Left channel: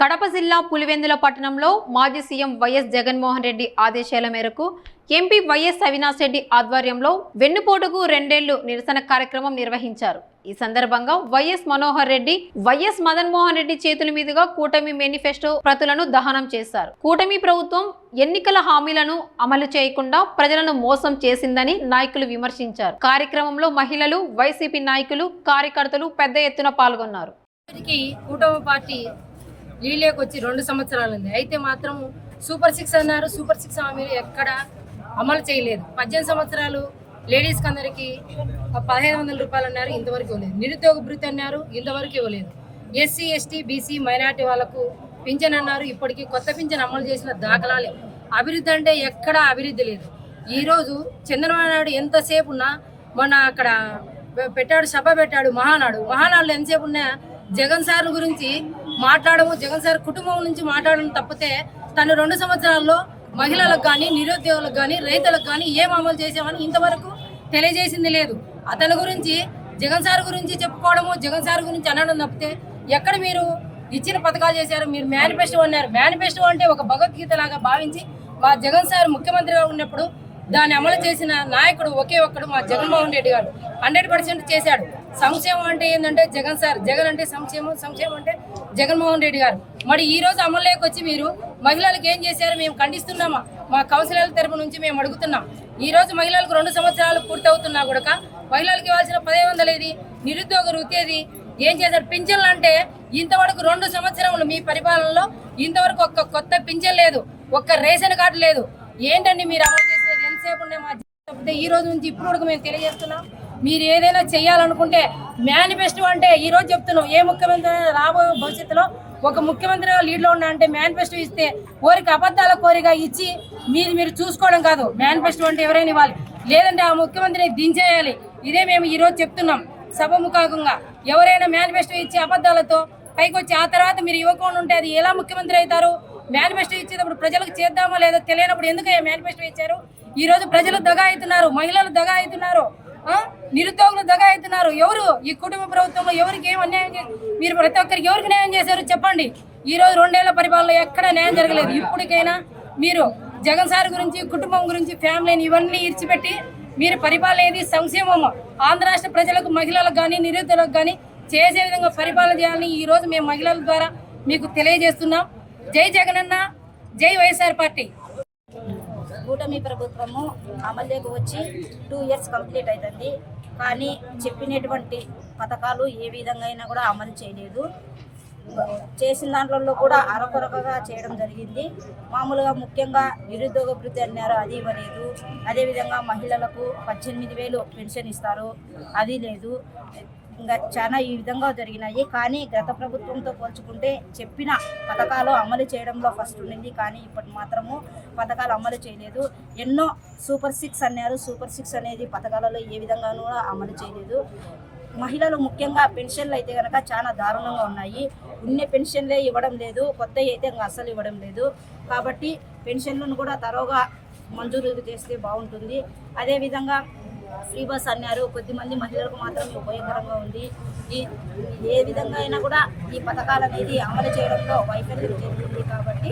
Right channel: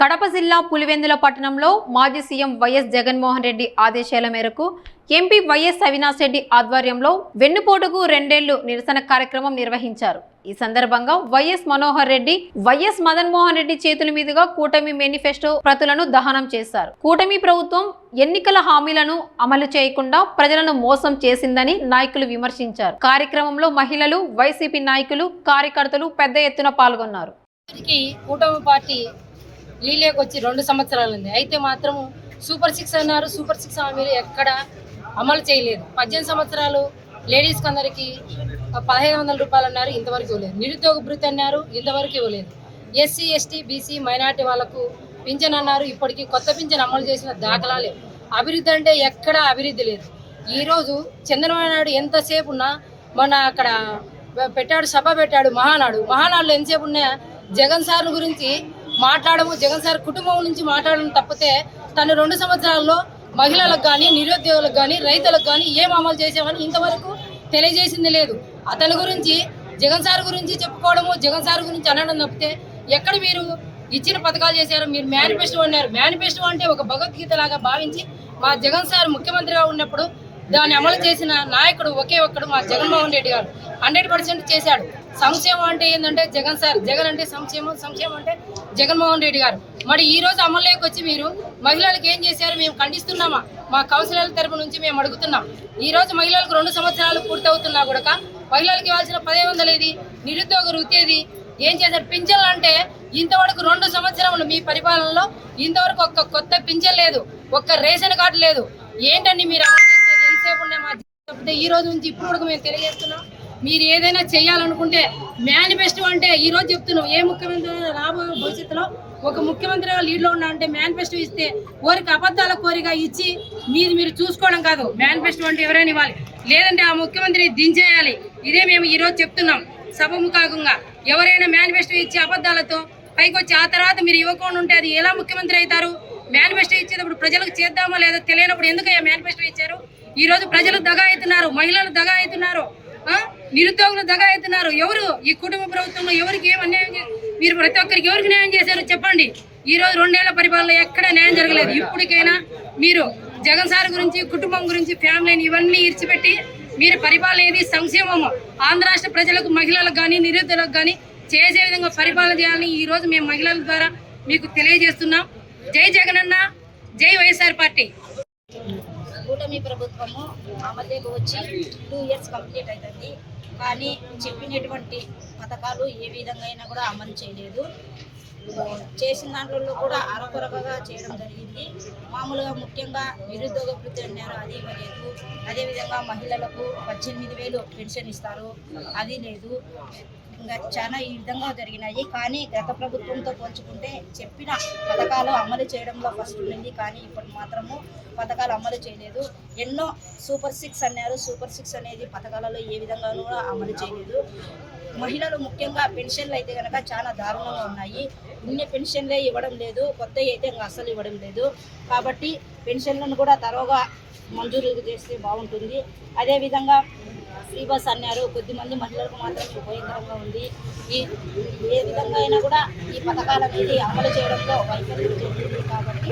కడప జిల్లా పులివెందుల పట్టణంలో మాజీ సీఎం వైఎస్ జగన్మోహన్ రెడ్డి ఆదేశాల మేరకు ఎంపీ వైఎస్ అవినాష్ రెడ్డి ఆధ్వర్యంలో వెన్నుపోటుకు 2 ఏళ్లు నిరసన కార్యక్రమం నిర్వహించారు. ఈ సందర్భంగా వైఎస్ మనోహర్ రెడ్డి, వైఎస్ మదన్ మోహన్ రెడ్డి చేతుల మీదుగా కూటమి మేనిఫెస్టో ప్రతులను దహనం చేశారు. కూటమి ప్రభుత్వం ఎన్నికల హామీలను అమలు చేయకుండా ప్రజలను మోసం చేసిందని నాయకులు విమర్శించారు. కార్యక్రమంలో మహిళలు, వైసీపీ నాయకులు, కార్యకర్తలు పెద్ద ఎత్తున పాల్గొన్నారు. కూటమి పార్టీ లీలేకి వచ్చి 2 సంవత్సరాలుంది. అయితే మాత్రం సూపర్ 6 అన్నారు. సూపర్ 6 హామీలు ఎక్కడ అమలు చేయలేదు. 18 సంవత్సరాలు లేడీస్కి అందరికీ 1500 రూపాయలు అన్నారు, ఇంతవరకు ఇవ్వలేదు. నిరుద్యోగ భృతి అన్నారు, ఇంతవరకు ఇవ్వలేదు. ఎస్సీ, ఎస్టీ, బీసీ, మైనార్టీ వాళ్ళకు పింఛన్ అన్నారు, ఇప్పటికీ కొత్త పింఛన్ అమలు చేసిన దాఖలాలే. అభివృద్ధి అంటే ఎక్కడ అభివృద్ధి లేదు. ఈరోజు చంద్రబాబు నాయుడు ఎంతసేపు ఉన్నా, మొన్న అక్కడ పెట్టాడు, సభ పెట్టాడు, మహానాడులో ఎంతసేపు ఉన్నా జగన్ సార్ గురించి మాట్లాడము, జగన్ సార్ కుటుంబం నుంచి మాట్లాడడం తప్పితే తను 2 సంవత్సరాల్లో మహిళలకు కానీ, నిరుద్యోగులకు కానీ, రైతులకు కానీ ఏం అమలు చేసామని ఇంతవరకు తెలియజేసింది లేదు. అతని గురించి, జగన్ సార్ గురించి చెప్పుకోవడము, జగన్ సార్ గురించి అనడం తప్పితే ఎక్కడ మీరు ఇచ్చిన పథకాలు చేశారు? మీరు మేనిఫెస్టో అన్నారు. మేనిఫెస్టో అంటే ఒక భగవద్గీత లాగా భావించి మా జగన్ సార్ ముఖ్యమంత్రిగా ఉన్నప్పుడు దాన్ని అమలు చేసిన నాయకుడు ఒకే ఒక్కడు మా జగన్మోహన్ రెడ్డి గారు. 100% చేశాడు. సంక్షేమం అంటే ఏంటంటే జగన్ సార్, జగన్ అంటే సంక్షేమం, సంక్షేమం అంటే జగన్మోహన్ రెడ్డి గారు. మరి ఈ రోజు అమలులోకి వచ్చి మీరు మహిళలకు ఏం చేశారు? మేము ఖండిస్తున్నామా? మా కౌన్సిలర్ల తరపు నుంచి మేము అడుగుతున్నాం. ఈ రోజు మహిళలకు 2 సంవత్సరాలు పూర్తవుతున్నా కూడా మహిళలకు ఇవ్వాల్సిన 1500 ఏది? నిరుద్యోగ వృత్తి ఏది? ఏం చేశారు? పింఛన్లు అంటే ఇంతవరకు 2 సంవత్సరములు మీ పరిపాలనలో ఇంతవరకు ఒక్క కొత్త పింఛన్ లేదు, ఒక్క రేషన్ కార్డు లేదు. ఏంటండి మీరు అమలు చేసేది? ఎంతసేపు ఉన్నాయి మా తప్పితే ఈ రోజు నుంచి ఇప్పుడు కూడా మేము తెలియజేస్తున్నాం. మీరు ఏదైనా చేయాలనుకుంటే మేనిఫెస్టో అంటే ఈ రోజు చెప్తున్నాం, ఏ ముఖ్యమంత్రి రాబోయే భవిష్యత్తులో ఒక ముఖ్యమంత్రిగా లీడ్లో ఉన్నా అంటే మేనిఫెస్టో ఇస్తే కోరిక అబద్ధాల కోరిక ఇచ్చి మీరు చూసుకోవడం కాదు. మేనిఫెస్టో అంటే ఎవరైనా ఇవ్వాలి, లేదంటే ఆ ముఖ్యమంత్రిని దించేయాలి. ఇదే మేము ఈరోజు చెప్తున్నాం సభముఖంగా. ఎవరైనా మేనిఫెస్టో ఇచ్చి అబద్ధాలతో పైకి వచ్చి ఆ తర్వాత మీరు ఇవ్వకుండా ఉంటే అది ఎలా ముఖ్యమంత్రి అవుతారు? మేనిఫెస్టో ఇచ్చేటప్పుడు ప్రజలకు చేద్దామా లేదా తెలియనప్పుడు ఎందుకయ్యా మేనిఫెస్టో ఇచ్చారు? ఈ రోజు ప్రజలు దగా అవుతున్నారు, మహిళలు దగా అవుతున్నారు, నిరుద్యోగులు దగా అవుతున్నారు. ఎవరు ఈ కుటుంబ ప్రభుత్వంలో ఎవరికి ఏం అన్యాయం చేశారు? మీరు ప్రతి ఒక్కరికి ఎవరికి న్యాయం చేశారు చెప్పండి. ఈ రోజు 2 ఏళ్ల పరిపాలన ఎక్కడ న్యాయం జరగలేదు. ఇప్పటికైనా మీరు జగన్ సార్ గురించి, కుటుంబం గురించి, ఫ్యామిలీని ఇవన్నీ ఇడిచిపెట్టి మీరు పరిపాలన ఏది? సంక్షేమము ఆంధ్ర రాష్ట్ర ప్రజలకు, మహిళలకు కానీ, నిరుద్యోగులకు కానీ చేసే విధంగా పరిపాలన చేయాలని ఈ రోజు మేము మహిళల ద్వారా మీకు తెలియజేస్తున్నాం. జై జగనన్న, జై వైఎస్ఆర్ పార్టీ. కూటమి ప్రభుత్వము అమలులోకి వచ్చి 2 ఇయర్స్ కంప్లీట్ అవుతుంది. కానీ చెప్పినటువంటి పథకాలు ఏ విధంగా అయినా కూడా అమలు చేయలేదు. చేసిన దాంట్లో కూడా అరకొరకగా చేయడం జరిగింది. మామూలుగా ముఖ్యంగా నిరుద్యోగ భృతి అన్నారు, అది ఇవ్వలేదు. అదేవిధంగా మహిళలకు 18,000 పెన్షన్ ఇస్తారు, అది లేదు. ఇంకా చాలా ఈ విధంగా జరిగినాయి. కానీ గత ప్రభుత్వంతో పోల్చుకుంటే చెప్పిన పథకాలు అమలు చేయడంలో ఫస్ట్ ఉండింది. కానీ ఇప్పటి మాత్రము పథకాలు అమలు చేయలేదు. ఎన్నో సూపర్ 6 అన్నారు. సూపర్ 6 అనేది పథకాలలో ఏ విధంగానూ అమలు చేయలేదు. మహిళలు ముఖ్యంగా పెన్షన్లు అయితే కనుక చాలా దారుణంగా ఉన్నాయి. ఉన్న పెన్షన్లే ఇవ్వడం లేదు, కొత్త అయితే ఇంకా అస్సలు ఇవ్వడం లేదు. కాబట్టి పెన్షన్లను కూడా తరోగా మంజూరు చేస్తే బాగుంటుంది. అదేవిధంగా ఫ్రీ బస్ అన్నారు, కొద్దిమంది మహిళలకు మాత్రం ఉపయోగకరంగా ఉంది. ఏ విధంగా అయినా కూడా ఈ పథకాలు అనేది అమలు చేయడంలో వైఫల్యం జరిగింది. కాబట్టి